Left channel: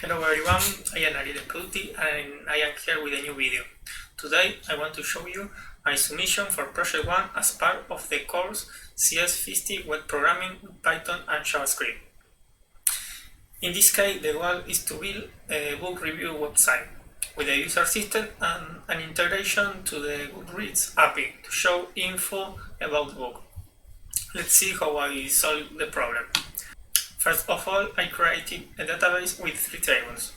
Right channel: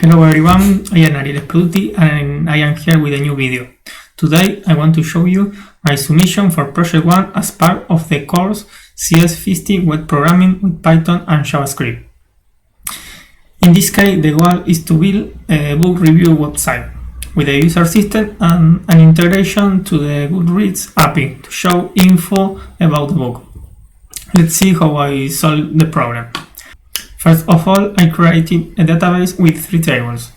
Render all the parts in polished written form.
Hello everyone, I am Ariel Sperduti and I am here with a new video. Today I want to show you my submission for Project 1 as part of the course CS50 Web Programming with Python and JavaScript. In this case, the goal is to build a book review website with a user system and an integration to the Goodreads API to show info about the book. Let's see how I solve the problem. First of all, I created a database with three tables:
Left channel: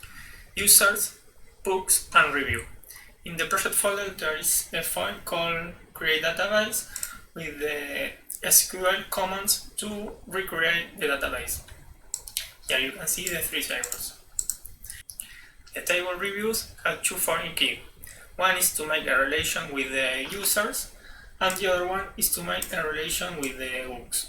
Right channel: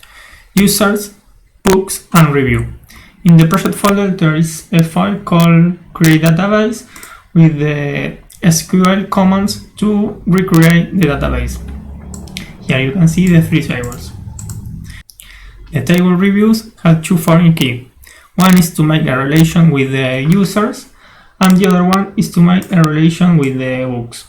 users, books, and review. In the project folder, there is a file called create database with the SQL commands to recreate the database. Here you can see the three tables. The table reviews have two foreign keys. One is to make a relation with the users, and the other one is to make a relation with the books.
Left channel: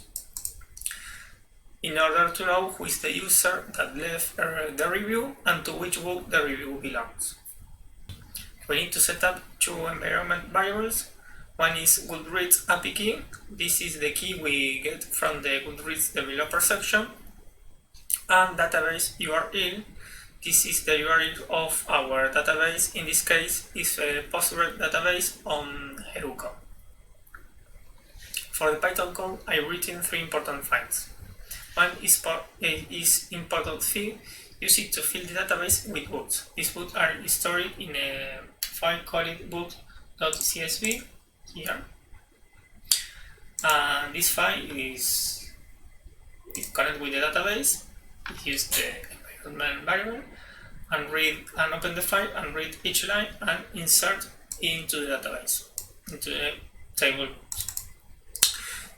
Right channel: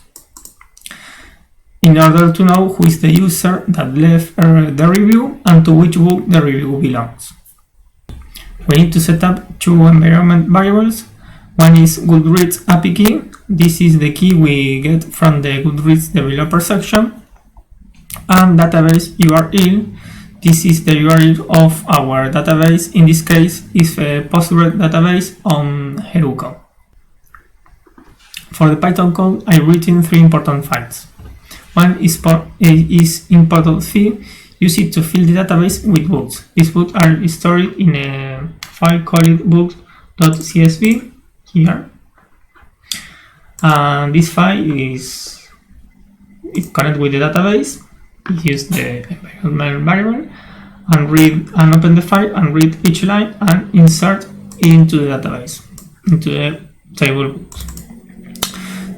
In order to know who is the user that left the review and to which book the review belongs, we need to set up two environment variables. One is Goodreads API key. This is the key we get from the Goodreads developer section. And database URL. This is the URL of our database. In this case, it's a Postgres database on Heroku. For the Python code, I've written three important files. One is import.fill, use it to fill the database with books. These books are stored in a file called books.csv here. And this file is connected with the database. Use the environment variable and open the file and read each line and insert into the database, into the table books.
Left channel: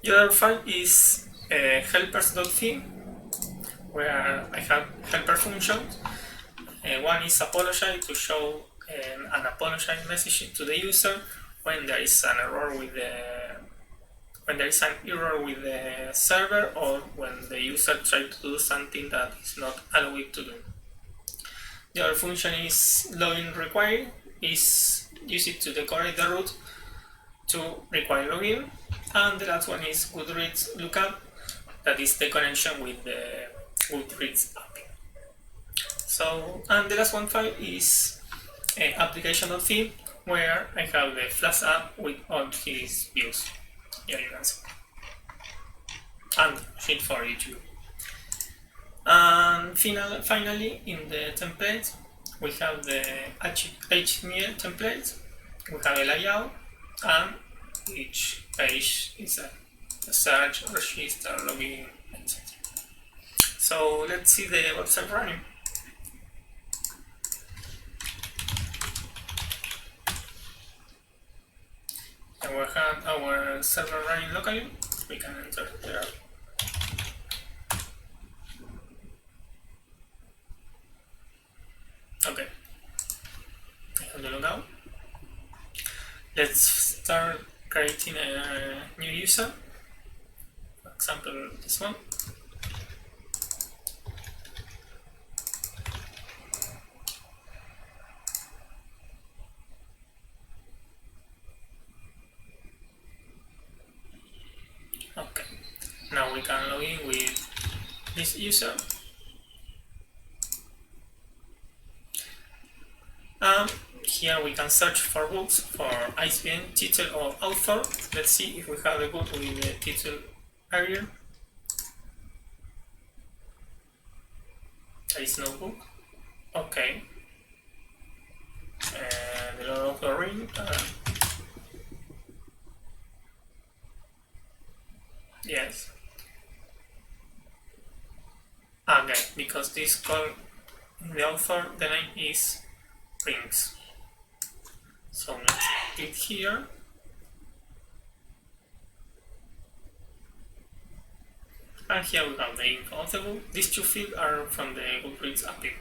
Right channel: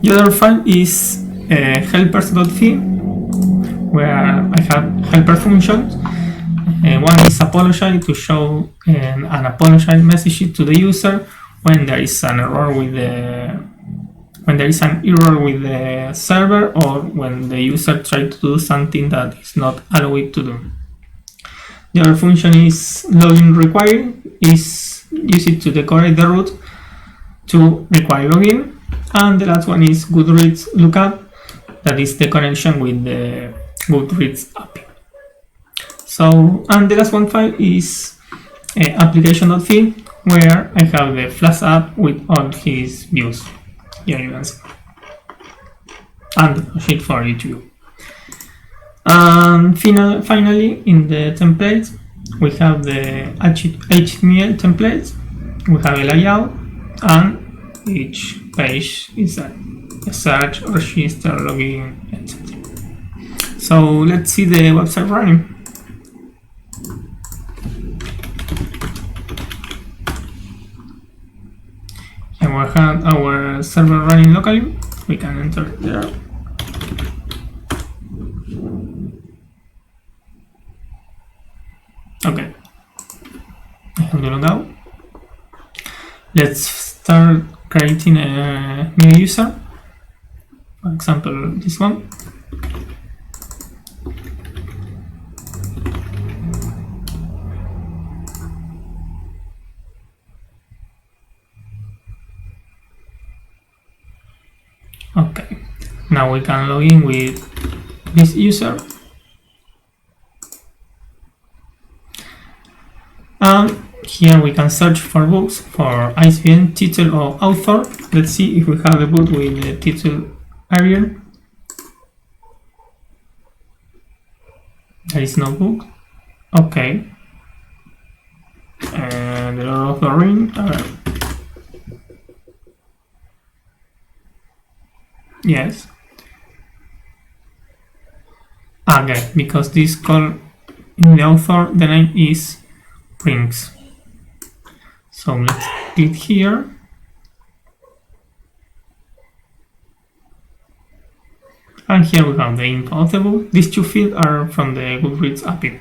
The other file is helpers.py, where I have helper functions. One is apologize, to show an apologize message to the user when there is an error with the server, or when the user tries to do something that is not allowed to do. The other function is login required, is used to decorate the route to require login. And the last one is Goodreads lookup, that is the connection with the Goodreads API. So, and the last one file is application.py, where I have the Flask app with all his views. Here you can see. And a sheet for YouTube. And finally, in the templates, we have the HTML templates. We have a layout, and each page is a search, register, login, etc. So let's see the website running. And we have our server running locally. We can enter there. Okay. I have the logout. Let's start creating a new user. For example, this one. Okay, now we can log in with this user. And here we can search for books for ISBN, title, or author. Let's see if we have a book with the title Ariel. There is no book. Okay. And the Lord of the Rings. Yes. Okay, because this call in the author, the name is Rings. So let's click here. And here we have the info of the book. These two fields are from the Goodreads API.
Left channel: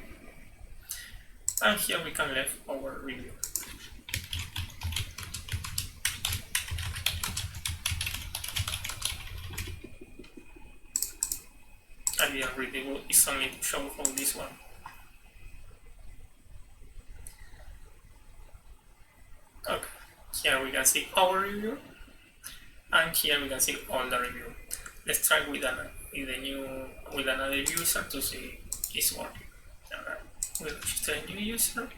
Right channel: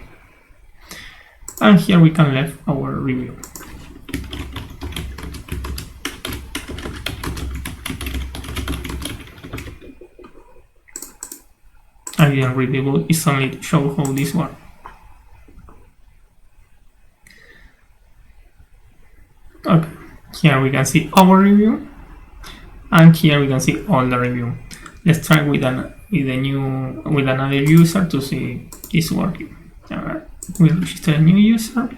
And here we can leave our review. I didn't read the book, it's only to show how this works. Okay, here we can see our review, and here we can see all the review. Let's try with another user to see it's working. we register a new user.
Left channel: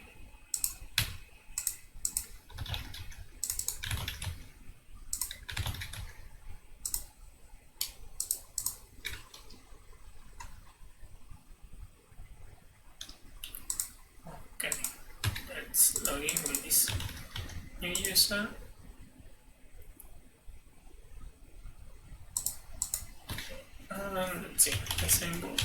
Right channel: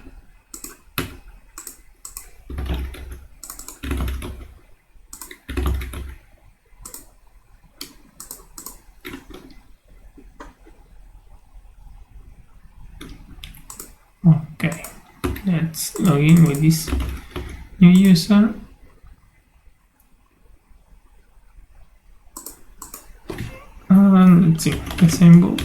Okay, let's log in with this new user. And let's see, the same book.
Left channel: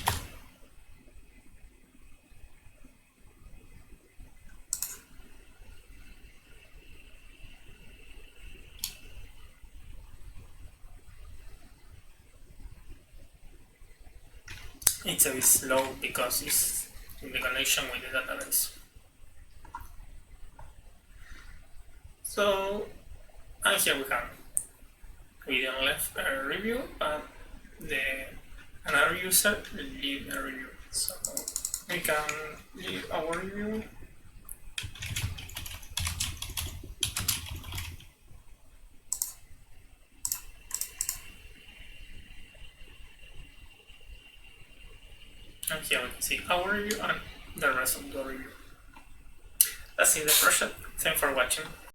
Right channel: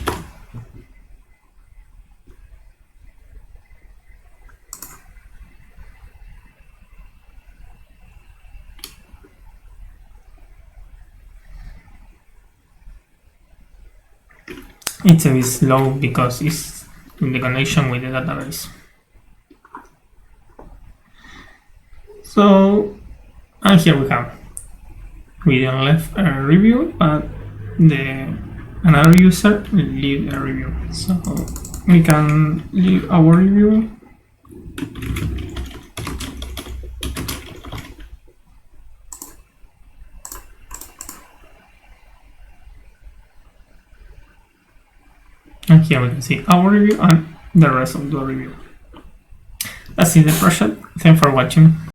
It's a bit slow because it's in the connection with the database. So, and here we didn't leave a review, but another user will leave a review. So we can leave our review. And here we can see our review and the rest of the review. That's it, the project. Thanks for watching.